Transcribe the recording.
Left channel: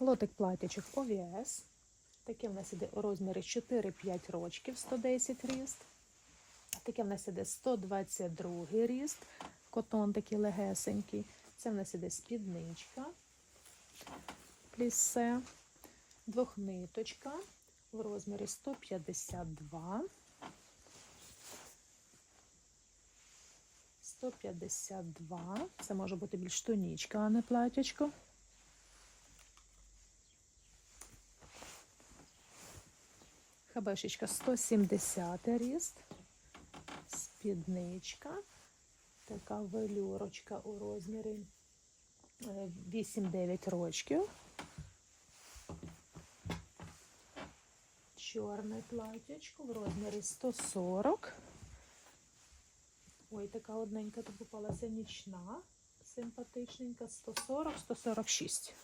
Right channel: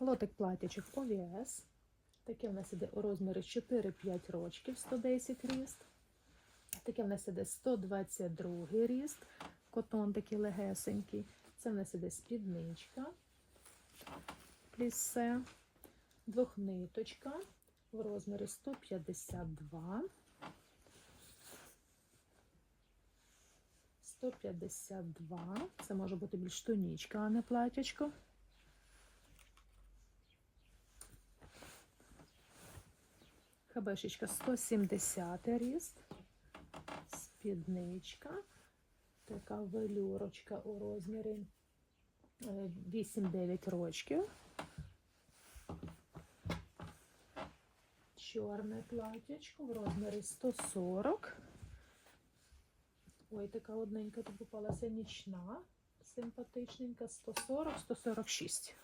Лотик платячок ОВС. Таке в нас іде у розмірі 4-5 рочків, 110 ріст. Таке в нас іде 122 ріст. Котон такий легесенький. Це в нас іде спідничка. Плісе. Двохниточка в розмірі 152. 152. Це може бути більш тонічка, а не платячко. Хабешечка 170 ріст. Спідничка. Така велюрочка у розмірі е, 8-9 рочків. Чорне платячко в розмірі 140. Ой, така одненька тут попалася нічна, симпатичненька, 140-146.